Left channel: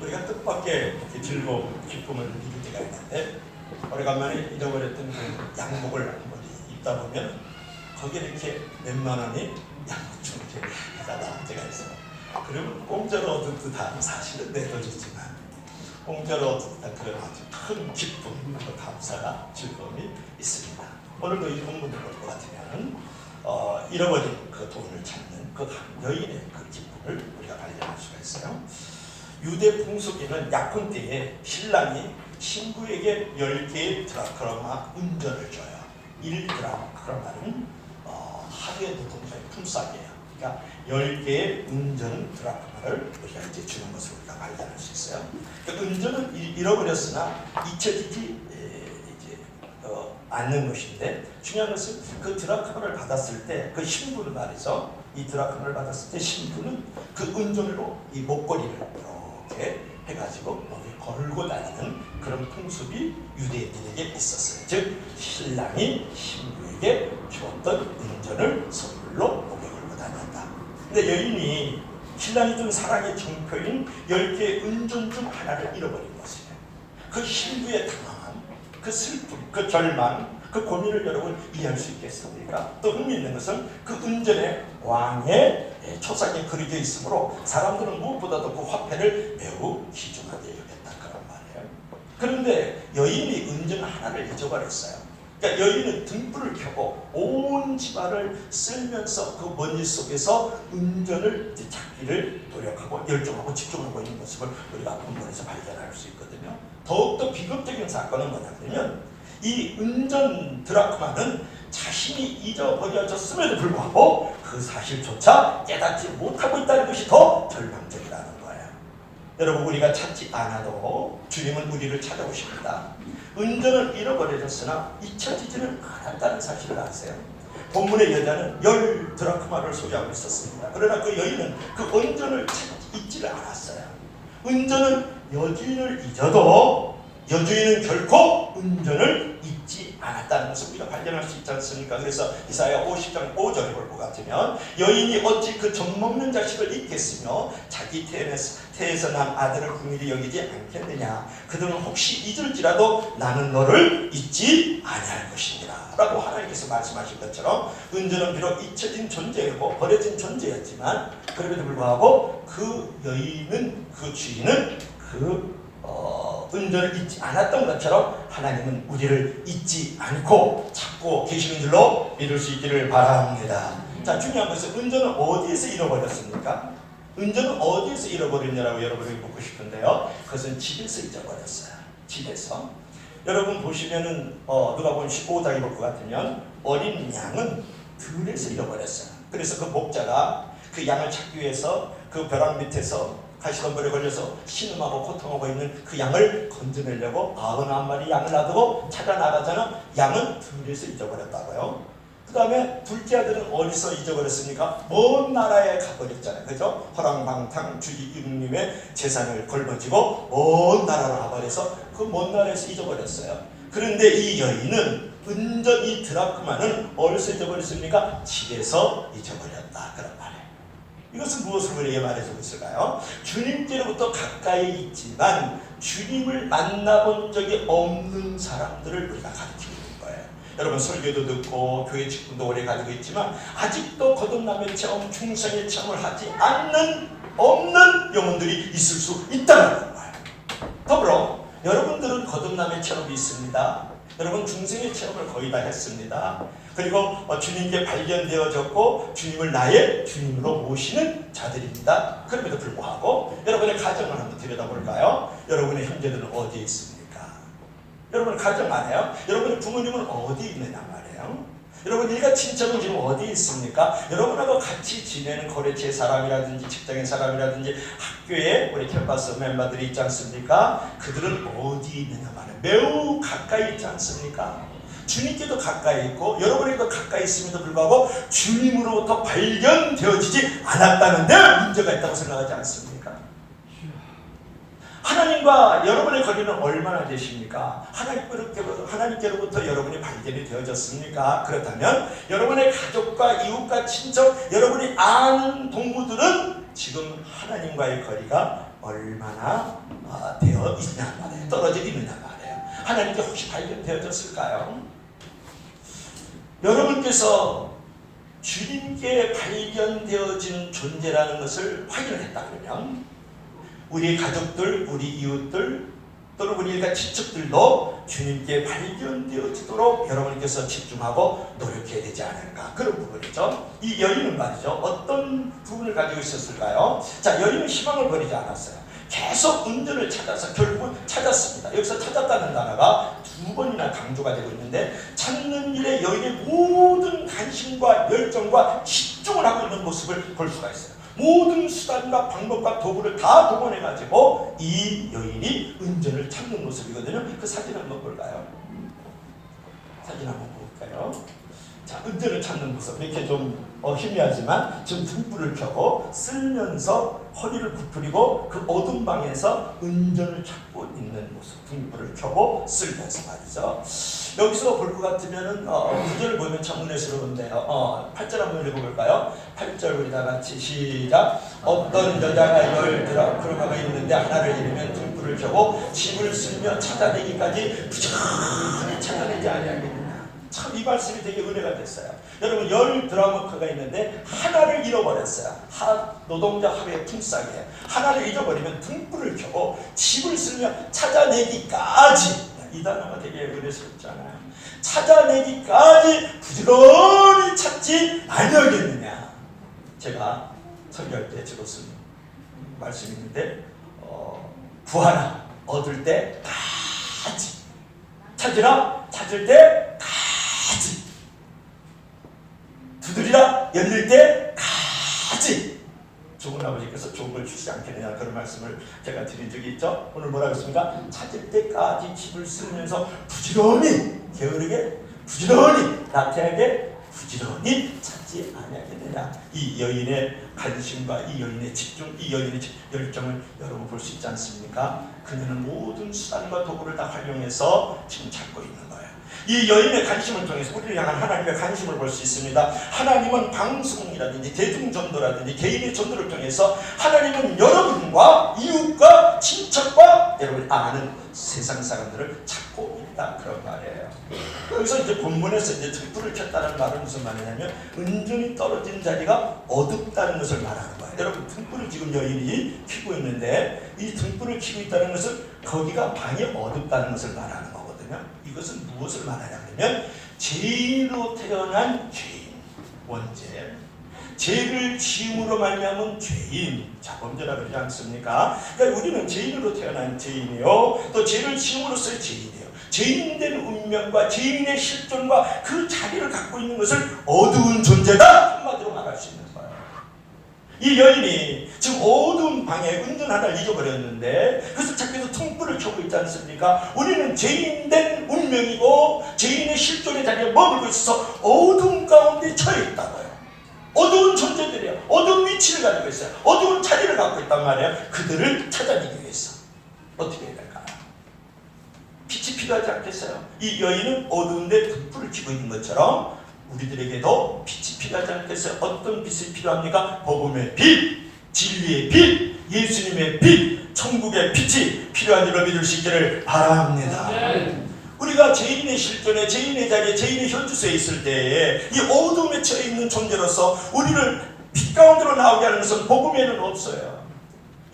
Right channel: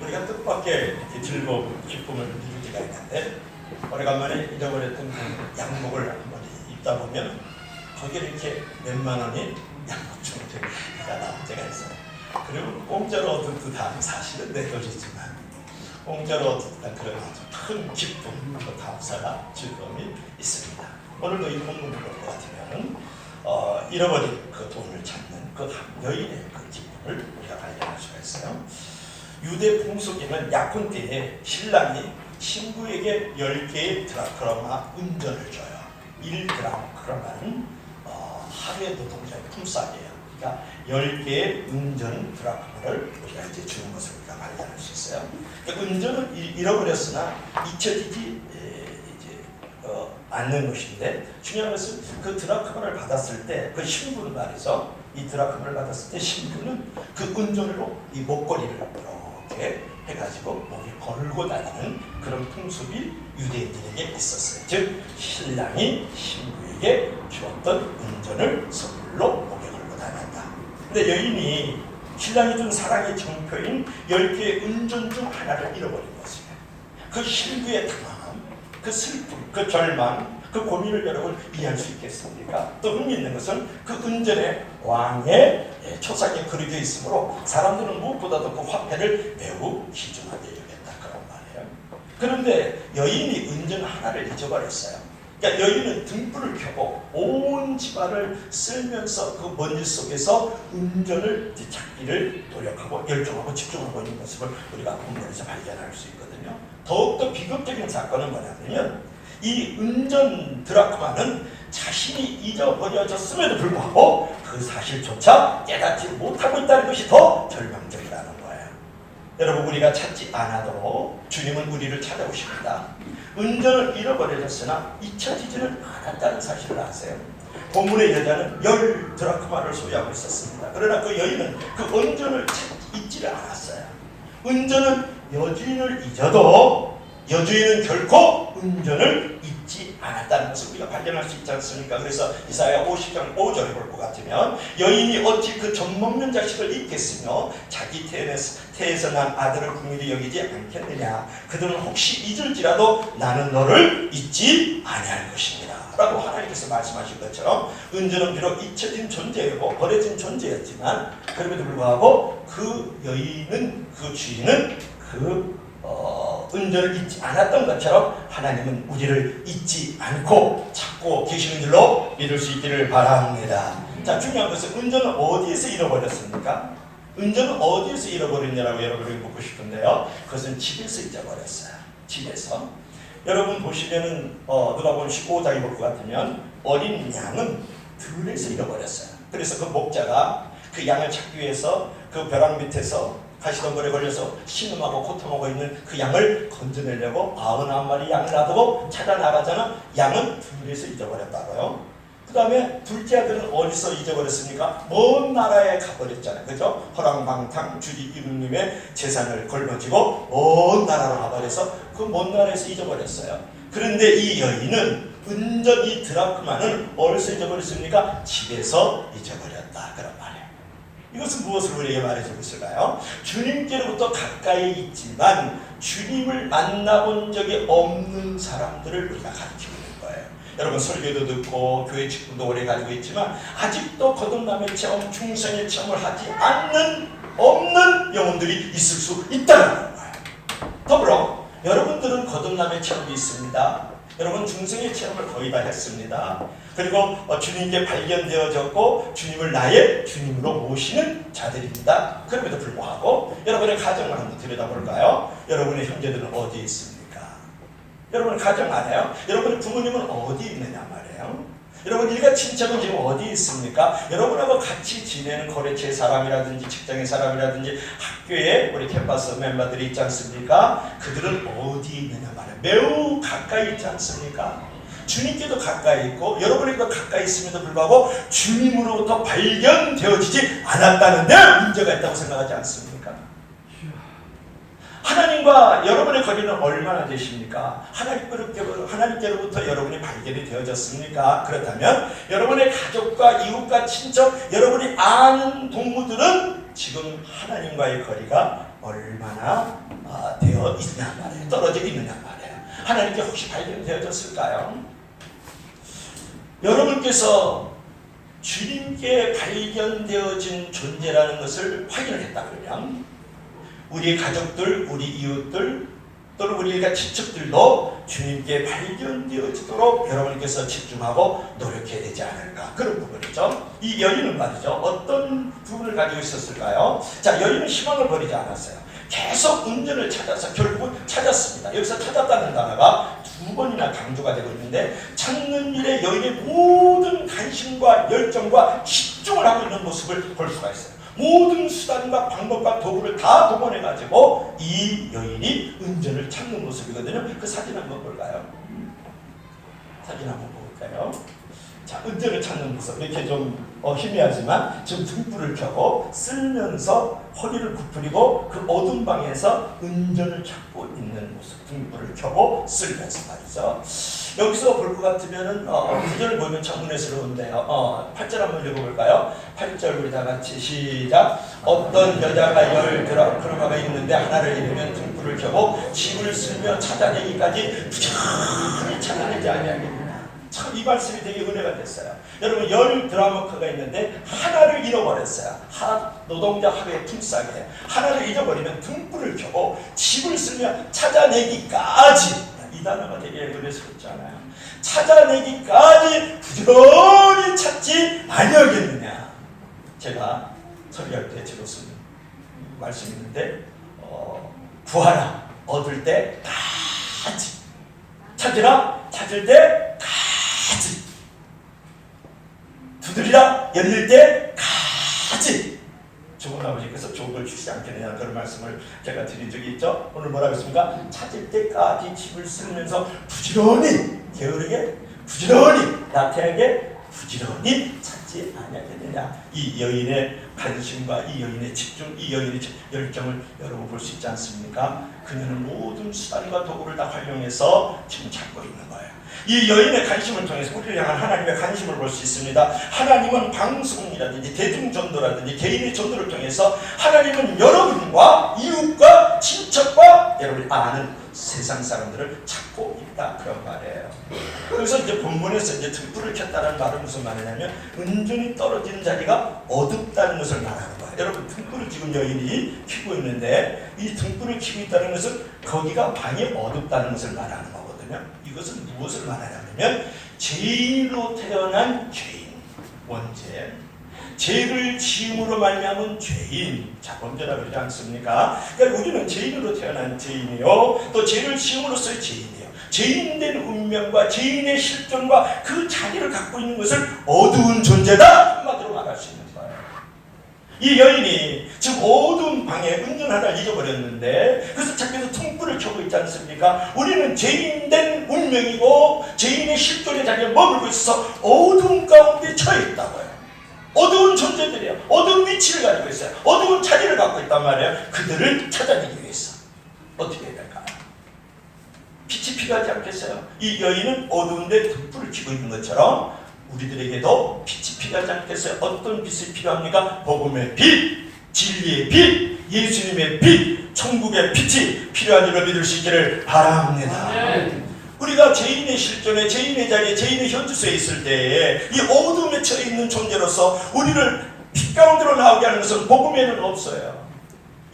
우리가 뜻밖의 이렇게 즐거움, 기쁨을 느낄 때가 있는데 오래간만에 잃어버렸던 그 양복을 한번 입다 보면 거기에 이렇게 몇만 원이 양복 충전가 나올 때가 있어요. 그리고 공짜로 얻은 듯한 사실은 내 돈이지만 공짜로 얻은 그런 아주 큰 기쁨, 감사가 즐거움이 있습니다. 오늘도 이 본문을 볼 것 같으면 잃어버린 그 돈을 찾는 그 여인의 그 기쁨을 우리가 발견할 수가 있어요. 유대 풍속에는 약혼 때에 신랑이 신부에게 10개의 드라크마 운전을 줘요. 1드라크마는 하루에 노동자의 품삯이에요. 그러니까 10개의 운전 드라크마를 우리가 이제 주는 것을 우리가 발견할 수 있어요. 그러니까 운전을 잃어버렸으나 잊혀지지 않는 것인데 중요한 것은 그 드라크마를 받았을 때 그 신부는 말이죠. 이 드라크마를 받았을 때 신부는 그 운전으로 이 목걸이를 이렇게 해가지고 목에 걸고 다니는 그런 풍습이 유대인들에게 있었어요. 즉 신랑이 신부에게 주었던 운전을 선물로 목에 걸고 다닌다. 근데 여인이 신랑이 준 사랑의 정표인 10개의 운전 중 하나를 잃어버린 것이에요. 그 신부의 당황함, 그 슬픔, 그 절망, 그 고민을 여러분 이해할 수 있겠습니까? 또 흥미있는 것은 그 운전에 왕의 초상이 그려져 있으므로 사람들은 무엇보다도 그 화폐를 매우 귀중하게 여겼다 그런 말이에요. 그런데 여인이 운전 하나를 잊어버렸어요. 그러니까 여인은 등불을 켜고 온 집안을 쓸면서 그 먼지 속에서 운전을 찾기를 노력하고 열정하고 집중하고 있는 모습을 우리가 본문에서 발견할 수 있거든요. 더욱더 비극적인 사건은 뭐냐면 이 운전 드라크마는 자신이 잊어버려졌음에도 불구하고 그 사실조차 깨닫지 못하고 있다는 것이 더 절망적이라는 거예요. 여러분 우리가 찾지 않아도 주님은 우리를 찾아오십니다. 운전을 잃어버렸으나 잊혀지지는 않았다는 사실을 아세요? 본문의 여자는 10 드라크마를 소유하고 있었습니다. 그러나 그 여인은 그 운전을 잊지를 않았어요. 운전은 여주인을 잊어도 여주인은 결코 운전을 잊지 않았다는 것을 우리가 발견할 수 있지 않습니까? 그래서 이사야 50장 5절을 볼 것 같으면 여인이 어찌 그 젖먹는 자식을 잊겠으며 자기 태에서 난 아들을 긍휼히 여기지 않겠느냐. 그들은 혹시 잊을지라도 나는 너를 잊지 아니할 것이니라 라고 하나님께서 말씀하신 것처럼 운전은 비록 잊혀진 존재였고 버려진 존재였지만 그럼에도 불구하고 그 여인은 그 주인은 운전을 잊지 않았던 것처럼 하나님은 우리를 잊지 않고 찾고 계시는 줄로 믿을 수 있기를 바랍니다. 자, 중요한 것은 운전을 어디에서 잃어버렸습니까? 운전은 어디에서 잃어버렸냐라고 여러분에게 묻고 싶은데요. 그것은 집에서 잊어버렸어요. 집에서. 여러분 보시면은 누가복음 15장에 볼 것 같으면 어린 양은 들에서 잃어버렸어요. 그래서 그 목자가 그 양을 찾기 위해서 그 벼랑 밑에서 가시덤불에 걸려서 신음하고 고통하고 있는 그 양을 건져내려고 91마리 양을 놔두고 찾아 나가잖아. 양은 들에서 잊어버렸다고요. 그 다음에 둘째 아들은 어디서 잊어버렸습니까? 먼 나라에 가버렸잖아요. 그죠? 허랑방탕 주지 이웃님의 재산을 걸머쥐고 먼 나라로 가버려서 그 먼 나라에서 잊어버렸어요. 그런데 이 여인은 은전히 드라크마는 어디서 잊어버렸습니까? 집에서 잊어버렸다 그런 말이에요. 이것은 무엇을 우리에게 말해주고 있을까요? 주님께로부터 가까이 있지만 주님을 만나본 적이 없는 사람들을 우리가 가르치고 있는 거예요. 여러분 설교도 듣고 교회 직분도 오래 가지고 있지만 아직도 거듭남의 체험, 중생의 체험을 하지 않는 없는 영혼들이 있을 수 있다는 거예요. 더불어 여러분들은 거듭남의 체험이 있습니다. 여러분 중생의 체험을 거의 다 했습니다. 그리고 주님께 발견되어졌고 주님을 나의 주님으로 모시는 자들입니다. 그럼에도 불구하고 여러분의 가정을 한번 들여다볼까요? 여러분의 형제들은 어디에 있습니까? 여러분 가정 안 해요? 여러분의 부모님은 어디 있느냐 말이에요? 여러분 일가 친척은 지금 어디 있습니까? 여러분하고 같이 지내는 거래처의 사람이라든지 직장의 사람이라든지 학교에 우리 캠퍼스 멤버들이 있지 않습니까? 그들은 어디 있느냐 말이에요. 매우 가까이 있지 않습니까? 주님께도 가까이 있고 여러분에게도 가까이 있음에도 불구하고 주님으로부터 발견되어지지 않았다는데 문제가 있다고 생각하지 않습니까? 하나님과 여러분의 거리는 얼마나 되십니까? 하나님께로부터 여러분이 발견이 되어졌습니까? 그렇다면 여러분의 가족과 이웃과 친척, 여러분이 아는 동무들은 지금 하나님과의 거리가 얼마나 되어 있냐 말이에요. 떨어져 있느냐 말이에요. 하나님께 혹시 발견되어졌을까요? 여러분께서 주님께 발견되어진 존재라는 것을 확인했다 그러면 우리 가족들, 우리 이웃들 또는 우리 일가 친척들도 주님께 발견되어지도록 여러분께서 집중하고 노력해야 되지 않을까, 그런 부분이죠. 이 여인은 말이죠, 어떤 부분을 가지고 있었을까요? 자, 여인은 희망을 버리지 않았어요. 계속 운전을 찾아서 결국은 찾았습니다. 여기서 찾았다는 단어가 2번이나 강조가 되고 있는데, 찾는 일에 여인의 모든 관심과 열정과 집중을 하고 있는 모습을 볼 수가 있어요. 모든 수단과 방법과 도구를 다 동원해가지고 이 여인이 은전을 찾는 모습이거든요. 그 사진 한번 볼까요? 사진 한번 볼까요? 자, 은전을 찾는 모습. 이렇게 좀 희미하지만 지금 등불을 켜고 쓸면서 허리를 구부리고 그 어두운 방에서 은전을 찾고 있는 모습. 등불을 켜고 쓸면서 말이죠. 여기서 볼 것 같으면은 구절을 보면 참 은혜스러운데요. 8절 한번 읽어볼까요? 8절 우리 다 같이 시작. 어떤 여자가 들어가가 있는데 하나를 잃으면 등불을 켜고 집을 쓸며 찾아내기까지 부지런히 찾아내지 아니하겠느냐. 참 이 말씀이 되게 은혜가 됐어요. 여러분, 10 드라마크가 있는데 하나를 잃어버렸어요. 노동자 하루에 품삯에 하나를 잊어버리면 등불을 켜고 집을 쓸며 찾아내기까지, 이 단어가 되게 은혜스럽잖아요. 찾아내기까지 부지런히 찾지 아니하겠느냐. 제가 설교할 때 주로 쓴 말씀이 있는데, 구하라 얻을 때까지, 찾으라 찾을 때까지, 두드리라 열릴 때까지. 좋은 아버지께서 좋은 걸 주시지 않겠느냐, 그런 말씀을 제가 드린 적이 있죠. 오늘 뭐라고 했습니까? 찾을 때까지 집을 쓰면서 부지런히, 게으르게, 부지런히, 나태하게, 부지런히 찾지 아니하겠느냐. 이 여인의 관심과 이 여인의 집중, 이 여인의 열정을 여러분 볼 수 있지 않습니까? 그녀는 모든 수단과 도구를 다 활용해서 지금 찾고 있는 거예요. 이 여인의 관심을 통해서 우리를 향한 하나님의 관심을 볼 수 있습니다. 하나님은 방송이라든지 대중전도라든지 개인의 전도를 통해서 하나님은 여러분과 이웃과 친척과 여러분이 아는 세상 사람들을 찾고 있다, 그런 말이에요. 그래서 이제 본문에서 이제 등불을 켰다는 말은 무슨 말이냐면 은전이 떨어지는 자리가 어둡다는 것을 말하는 거예요. 여러분, 등불을 지금 여인이 켜고 있는데 이 등불을 켜고 있다는 것은 거기가 방이 어둡다는 것을 말하는 거거든요. 이것은 무엇을 말하냐면 죄인으로 태어난 죄인, 원죄, 죄를 지음으로 말미암은 죄인, 자범죄라 그러지 않습니까? 그러니까 우리는 죄인으로 태어난 죄인이요, 또 죄를 지음으로써의 죄인이에요. 죄인된 운명과 죄인의 실존과 그 자리를 갖고 있는 것을 어두운 존재다, 한마디로 말할 수 있는 거예요. 이 여인이 지금 어두운 방에 은전 하나를 잊어버렸는데, 그래서 자기도 등불을 켜고 있지 않습니까? 우리는 죄인된 운명이고 죄인의 실존의 자리에 머물고 있어서 어두운 가운데 처해 있다고요. 어두운 존재들이에요. 어두운 위치를 가지고 있어요. 어두운 자리를 갖고 있단 말이에요. 그들을 찾아내기 위해서 어떻게 해야 될까요? 빛이 필요하지 않겠어요? 이 여인은 어두운데 등불을 켜고 있는 것처럼 우리들에게도 빛이 필요하지 않겠어요? 어떤 빛이 필요합니까? 복음의 빛, 진리의 빛, 예수님의 빛, 천국의 빛이 필요한 일을 믿을 수 있기를 바랍니다. 우리가 죄인의 실존에, 죄인의 자리에, 죄인의 현주소에 있을 때에 이 어둠에 처해 있는 존재로서 우리를 빛 가운데로 나오게 하는 것은 복음에는 없어요.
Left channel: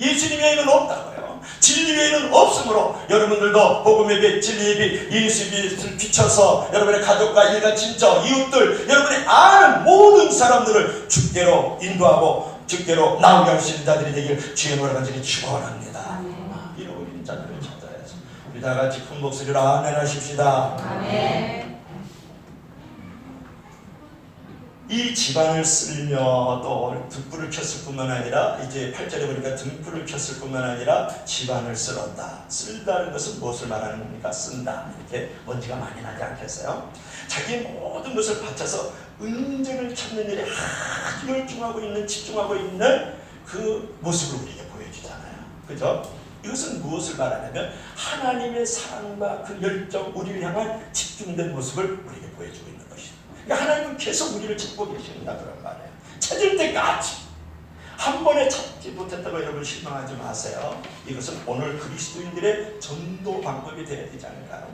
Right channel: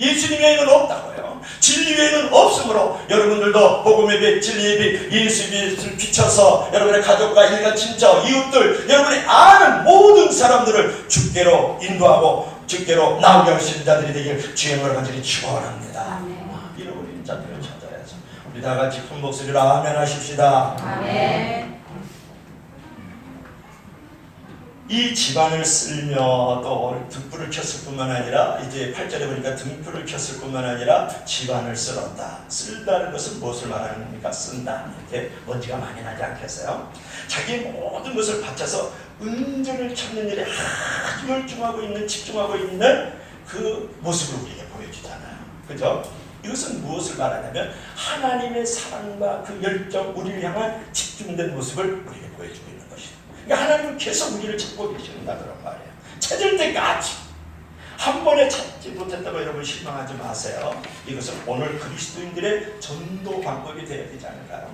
예수님 외에는 없다고요. 진리 외에는 없으므로 여러분들도 복음의 빛, 진리의 빛, 예수님의 빛을 비춰서 여러분의 가족과 일가, 친척, 이웃들, 여러분이 아는 모든 사람들을 주께로 인도하고 주께로 나오게 하시는 자들이 되길 주의 이름으로 간절히 축원합니다. 잃어버린 자들을 찾아야죠. 우리 다 같이 큰 목소리로 아멘 하십시다. 아멘. 이 집안을 쓸며 또 등불을 켰을 뿐만 아니라, 이제 8절에 보니까 등불을 켰을 뿐만 아니라 집안을 쓸었다. 쓸다는 것은 무엇을 말하는 겁니까? 쓴다. 이렇게 먼지가 많이 나지 않겠어요? 자기 모든 것을 바쳐서 은전을 찾는 일에 아주 열중하고 있는, 집중하고 있는 그 모습을 우리에게 보여주잖아요. 그죠? 이것은 무엇을 말하냐면 하나님의 사랑과 그 열정, 우리를 향한 집중된 모습을 우리에게 보여주고 있는 것이죠. 그러니까 하나님은 계속 우리를 찾고 계신다, 그런 말이에요. 찾을 때까지. 한 번에 찾지 못했다고 여러분 실망하지 마세요. 이것은 오늘 그리스도인들의 전도 방법이 되어야 되지 않을까요?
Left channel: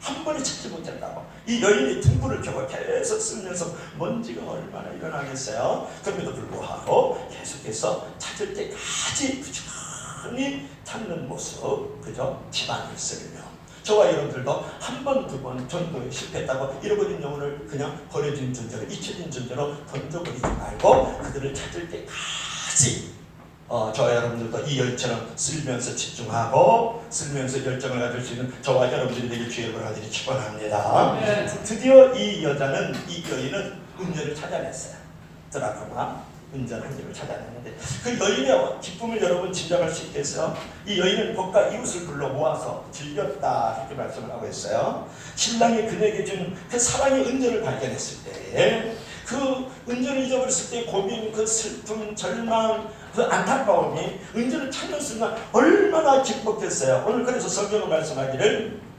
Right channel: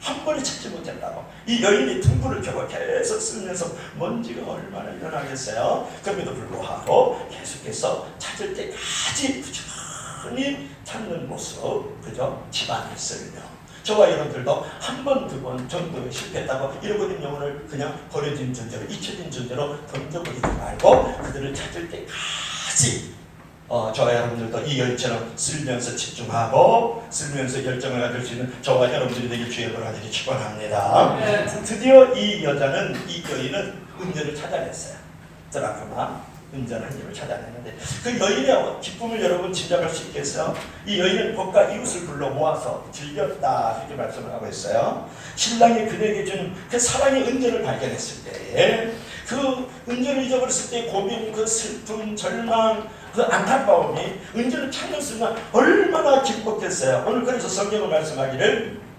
한 번에 찾지 못했다고. 이 여인이 등불을 켜고 계속 쓰면서 먼지가 얼마나 일어나겠어요. 그럼에도 불구하고 계속해서 찾을 때까지 부지런히 찾는 모습, 그죠? 집안을 쓸며 저와 여러분들도 한 번, 두 번 전도에 실패했다고 잃어버린 영혼을 그냥 버려진 존재로, 잊혀진 존재로 던져버리지 말고 그들을 찾을 때까지 저와 여러분들도 이 여인처럼 쓸면서 집중하고 쓸면서 열정을 가질 수 있는 저와 여러분들이 되길 주의 권하들이 축원합니다. 드디어 이 여인은 은전을 찾아냈어요. 드라크마 은전 한 입을 찾아냈는데 그 여인의 기쁨을 여러분 짐작할 수 있겠어요? 이 여인은 법과 이웃을 불러 모아서 즐겼다 이렇게 말씀을 하고 있어요. 신랑이 그에게 준 그 사랑의 은전을 발견했을 때, 그 은전을 잊어버렸을 때 고민, 그 슬픔, 절망, 그 안타까움이 은전을 찾는 순간 얼마나 기뻤겠어요. 오늘 그래서 성경을 말씀하기를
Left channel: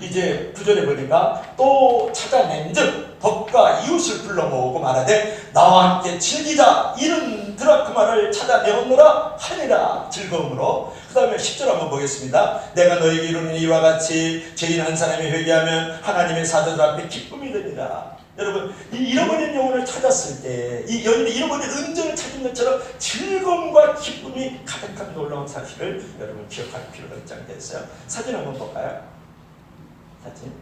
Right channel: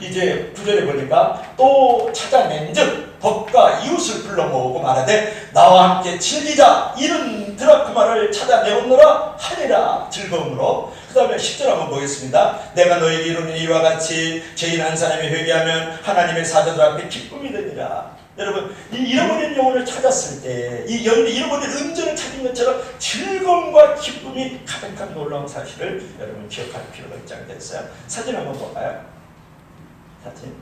이제 9절에 보니까 또 찾아낸 즉 법과 이웃을 불러 모으고 말하되 나와 함께 즐기자 이른 드라크마를 찾아내었노라 하니라 즐거움으로. 그 다음에 10절 한번 보겠습니다. 내가 너에게 이루는 이와 같이 죄인 한 사람이 회개하면 하나님의 사자들 앞에 기쁨이 되니라. 여러분, 이 잃어버린 영혼을 찾았을 때 이 여인이 잃어버린 은전을 찾은 것처럼 즐거움과 기쁨이 가득한 놀라운 사실을 여러분 기억할 필요가 있지 않겠어요? 사진 한번 볼까요? 사진.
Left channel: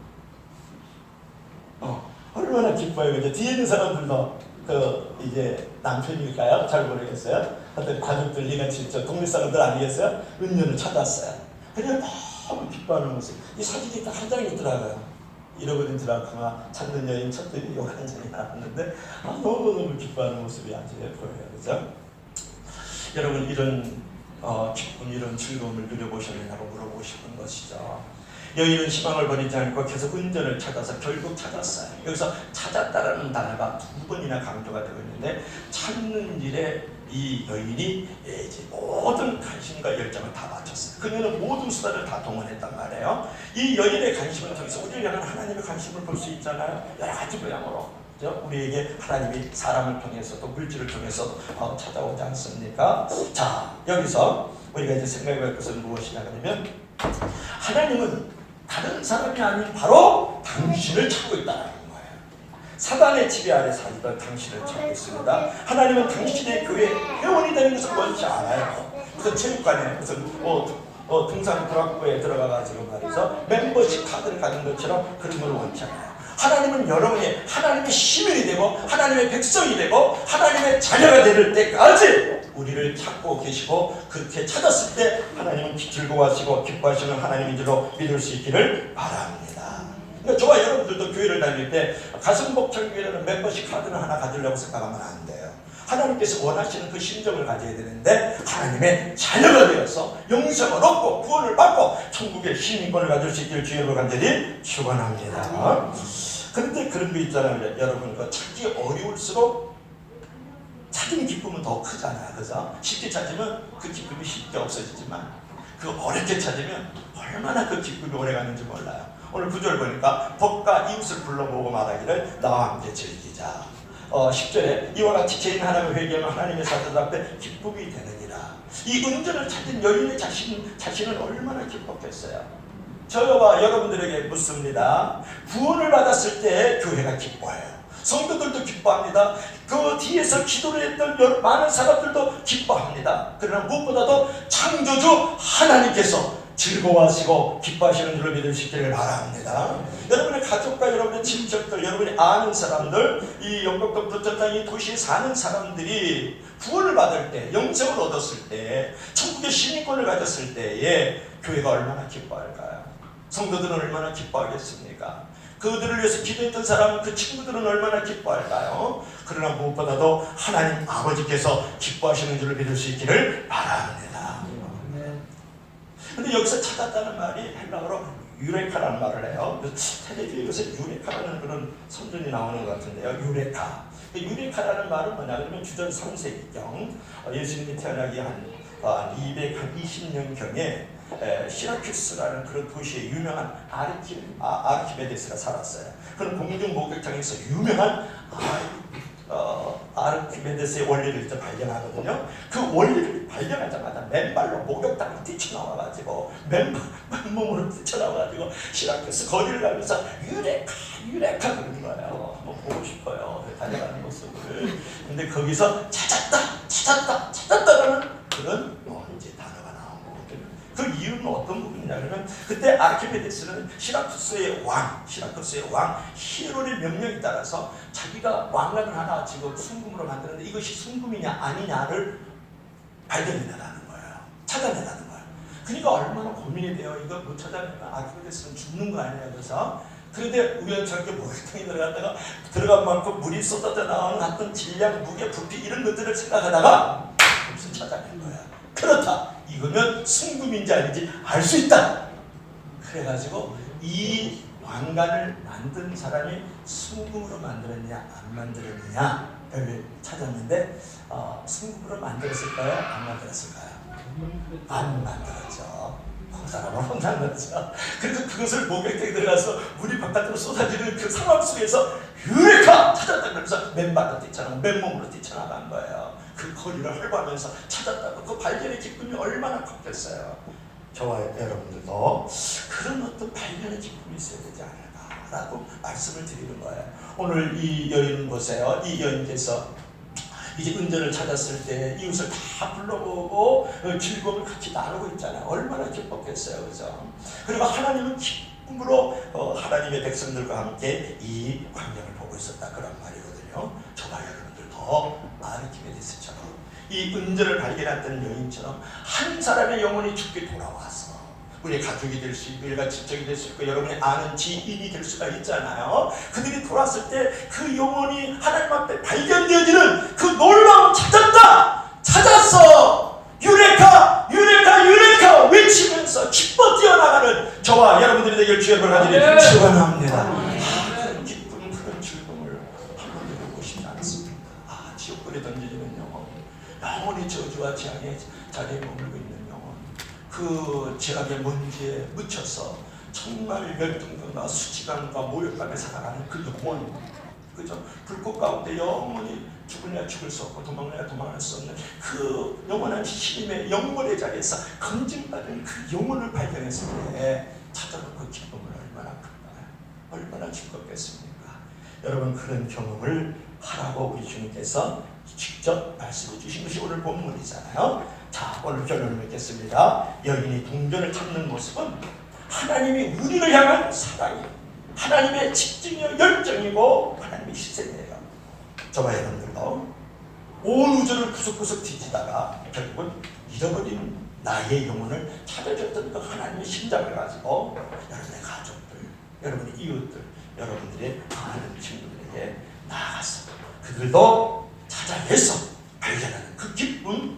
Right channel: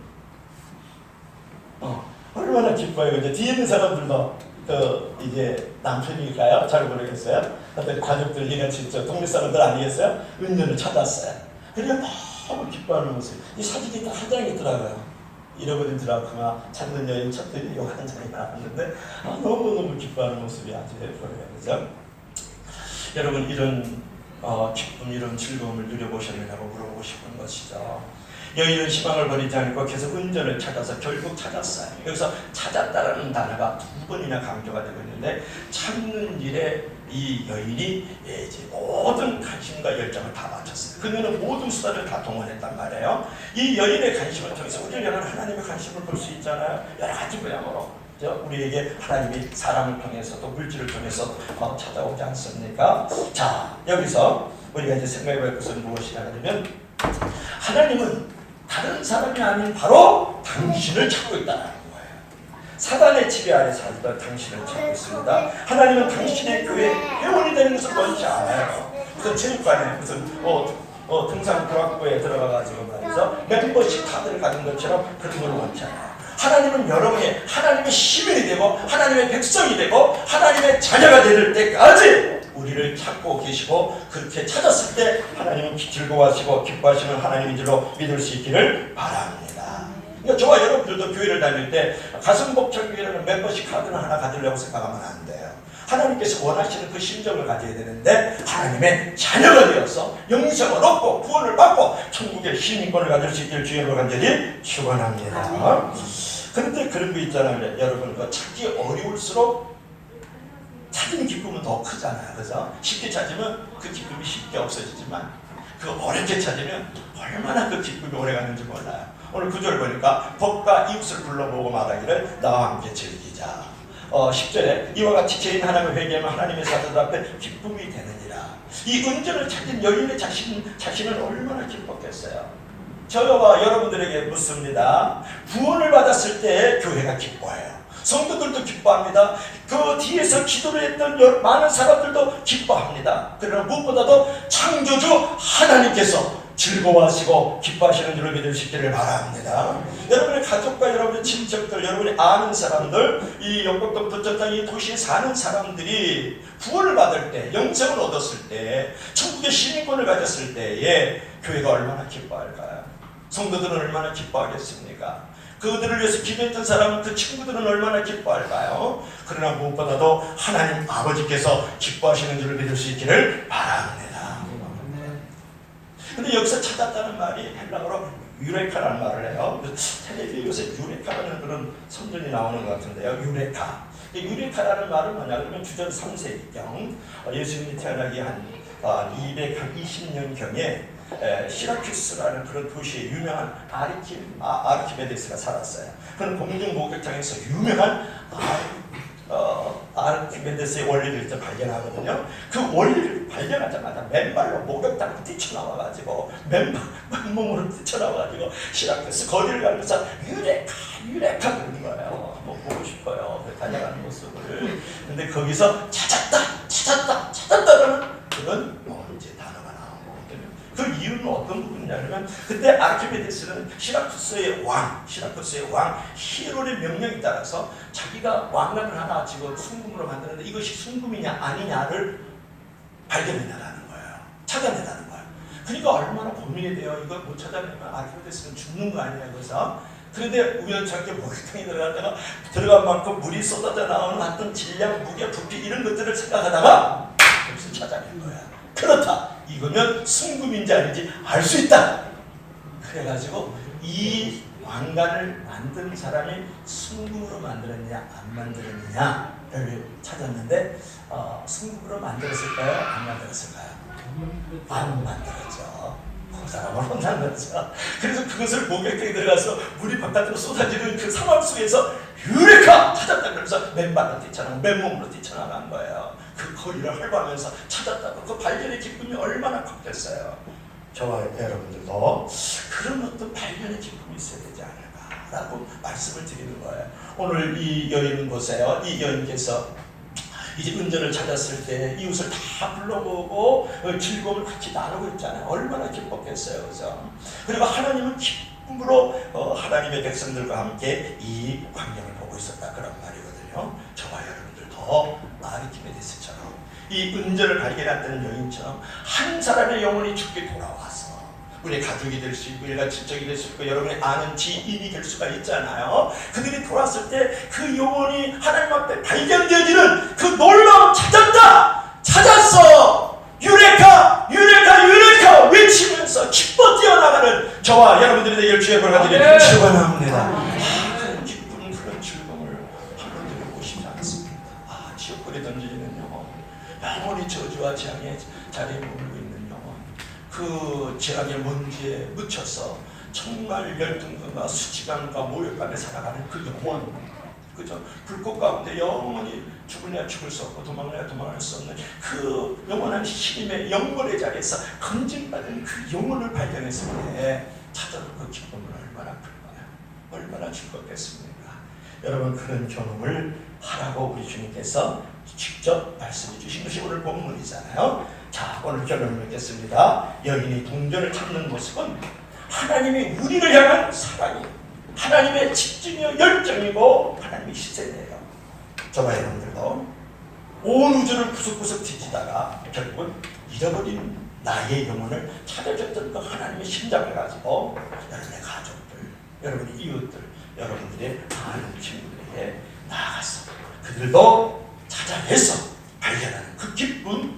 얼마나 기뻐요. 근데 뒤에 있는 사람들도 이제 남편일까요? 잘 모르겠어요. 어떤 가족들, 같이 동네 사람들 아니겠어요? 은연을 찾았어요. 그냥 너무 기뻐하는 모습. 이 사진이 딱 한 장이 있더라고요. 잃어버린 드라크마 찾는 여인 쳤더니 여기 한 장이 나왔는데 너무너무 기뻐하는 모습이 아주 보여요. 그죠? 여러분 이런 기쁨, 이런 즐거움을 누려보셨느냐고 물어보고 싶은 것이죠. 여인은 희망을 버리지 않고 계속 은전을 찾아서 결국 찾았어요. 여기서 찾았다라는 단어가 두 번이나 강조가 되고 있는데 찾는 일에 이 여인이 이제 모든 관심과 열정을 다 바쳤어요. 그녀는 모든 수단을 다 동원했단 말이에요. 이 여인의 관심을 통해서 우리는 하나님의 관심을 볼 수 있잖아요. 여러 가지 모양으로. 우리에게 하나님이 사람을 통해서 또 물질을 통해서 찾아오지 않습니까? 자, 여기서 우리가 이제 생각해볼 것은 무엇이냐 하면 하나님은 다른 사람이 아닌 바로 당신을 찾고 있다는 거예요. 사단의 지배 아래 살던 당신을 찾고 있습니다. 하나님은 당신의 교회 회원이 되는 것을 원치 않아요. 무슨 체육관에 무슨 등산 브라코에 들어가가지고 말이죠, 멤버십 카드를 가진 것처럼 그런 걸 원치 않아요. 하나님은 여러분이 하나님의 시민이 되고 하나님의 백성이 되고 하나님의 자녀가 될 때까지 우리를 찾고 계시고, 그렇게 찾았을 때 하나님은 즐거워하시고 기뻐하시는 하나님인 줄로 믿을 수 있기를 바랍니다. 그러니까 저와 여러분들도 교회를 다닐 때 가슴복창교회라는 멤버십 카드는 하나 가지려고 생각하면 안 돼요. 하나님께서 원하시는 그 심정을 가져야 되는데 하나님의 자녀가 되어서 영생을 얻고 구원을 받고 천국의 시민권을 가질 수 있기를 주님으로 간절히 축원합니다. 그런데 그런 거 있잖아요. 여러분, 찾기 어려울수록 찾은 기쁨은 더 크잖아요. 그래서 쉽게 찾으면 그 기쁨이 쉽게 없어지지만 그 어렵게 찾으면 얼마나 그 기쁨이 오래가는지 몰라요. 오늘 9절 보니까 법과 이웃을 불러 모으고 말하기를 나와 함께 즐기자. 10절에 이와 같이 죄인 하나님을 회개하면 하나님의 사자들 앞에 기쁨이 되느니라. 이 은전을 찾은 여인의 자신은 얼마나 기뻤겠어요. 저와 여러분들에게 묻습니다. 구원을 받았을 때 교회가 기뻐해요. 성도들도 기뻐합니다. 그 뒤에서 기도를 했던 많은 사람들도 기뻐합니다. 그러나 무엇보다도 창조주 하나님께서 즐거워하시고 기뻐하시는 줄을 믿을 수 있기를 바랍니다. 여러분의 가족과 여러분의 친척들, 여러분이 아는 사람들, 이 영국동 부천 이 도시에 사는 사람들이 구원을 받을 때, 영생을 얻었을 때, 천국의 시민권을 가졌을 때에 교회가 얼마나 기뻐할까요? 성도들은 얼마나 기뻐하겠습니까? 그들을 위해서 기도했던 사람, 그 친구들은 얼마나 기뻐할까요? 그러나 무엇보다도 하나님 아버지께서 기뻐하시는 줄을 믿을 수 있기를 바랍니다. 근데 여기서 찾았다는 말이 헬라어로 유레카라는 말을 해요. 텔레비에 요새 유레카라는 그런 선전이 나오는 것 같은데요. 유레카. 유레카라는 말은 뭐냐 그러면 주전 3세기경 예수님이 태어나기 한 220년경에 시라큐스라는 그런 도시에 유명한 아르키메데스가 살았어요. 그는 공중 목욕탕에서 유명한 아르키메데스의 원리를 이제 발견하거든요. 그 원리를 발견하자마자 맨발로 목욕탕을 뛰쳐나와가지고 맨몸으로 뛰쳐나와가지고 시라쿠스 거리를 가면서 유레카 그러는 거예요. 뭐 보고 싶어요. 다녀가는 모습을. 근데 거기서 찾았다라는 그런 이제 단어가 나온 거거든요. 그 이유는 어떤 부분이냐면 그때 아르키메데스는 시라쿠스의 왕 히에론의 명령에 따라서 자기가 왕관을 하나 지금 순금으로 만드는데 이것이 순금이냐 아니냐를 발견해내라는 거예요. 찾아내라는 거예요. 그러니까 얼마나 고민이 돼요. 이걸 못 찾아내면 아르키메데스는 죽는 거 아니냐 그래서. 그런데 우연찮게 목욕탕에 들어간 만큼 물이 쏟아져 나오는 어떤 질량, 무게, 부피 이런 것들을 생각하다가 무슨 찾아낸 거야. 그렇다. 이거면 순금인지 아닌지 알 수 있다. 그래가지고 이 왕관을 만든 사람이 순금으로 만들었냐 안 만들었느냐를 찾았는데 순금으로 만들었을까요? 안 만들었을까요? 안 만들었죠. 그 사람을 혼난 거죠. 그래서 그것을 목욕탕에 들어가서 물이 바깥으로 쏟아지는 그 상황 속에서 유레카 찾았다 그러면서 맨발로 뛰쳐나가 맨몸으로 뛰쳐나간 거예요. 그 거리를 헐거하면서 찾았다고 그 발견의 기쁨이 얼마나 컸겠어요. 저와 여러분들도 그런 어떤 발견의 기쁨이 있어야 되지 않을까라고 말씀을 드리는 거예요. 오늘 이 여인 보세요. 이 여인께서 이제 은전을 찾았을 때 이웃을 다 불러보고 즐거움을 같이 나누고 있잖아요. 얼마나 기뻤겠어요. 그죠? 그리고 하나님은 기쁨으로 하나님의 백성들과 함께 이 광경을 보고 있었다. 그런 말이거든요. 저와 여러분들도 아르키메데스처럼 이 은전을 발견했던 여인처럼 한 사람의 영혼이 죽게 돌아와서 우리의 가족이 될 수 있고 일가 친척이 될 수 있고 여러분이 아는 지인이 될 수가 있잖아요. 그들이 돌아왔을 때 그 영혼이 하나님 앞에 발견되어지는 그 놀라움 찾았어 유레카 외치면서 기뻐 뛰어나가는 저와 여러분들이 되길 주의 볼 가지를 축원합니다. 그런 기쁨 그런 즐거움을 한번 누려보고 싶지 않습니다. 지옥불에 던져지는 영혼이 저주와 재앙의 자리에 머물고 있는 영혼, 그 재앙의 먼지에 묻혀서 정말 열등감과 수치감과 모욕감에 살아가는 그 영혼, 그죠? 불꽃 가운데 영원히 죽으냐 죽을 수 없고 도망가냐 도망갈 수 없는 그 영원한 신임의 영원의 자리에서 건진받은 그 영혼을 발견했을 때 찾아온 그 기쁨은 얼마나 클까요? 얼마나 즐겁겠습니까? 여러분 그런 경험을 하라고 우리 주님께서 직접 말씀해 주신 것이 오늘 본문이잖아요. 자, 오늘 결론을 맺겠습니다. 여인이 동전을 찾는 모습은 하나님이 우리를 향한 사랑이 하나님의 집중이요 열정이고 하나님의 시선이에요. 저와 여러분들도 온 우주를 구석구석 뒤지다가 결국은 잃어버린 나의 영혼을 찾아줬던 그 하나님의 심장을 가지고 여러분의 가족들, 여러분의 이웃들, 여러분들의 아는 친구들에게 나아갔어. 그들도 찾아내서 발견하는 그 기쁨,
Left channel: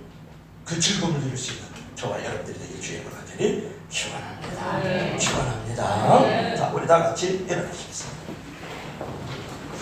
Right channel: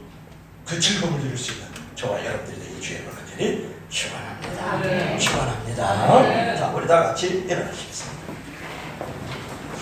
그 즐거움을 누릴 수 있는 저와 여러분들에게 주의 은혜를 축원합니다. 축원합니다. 자, 우리 다 같이 일어나시겠습니다.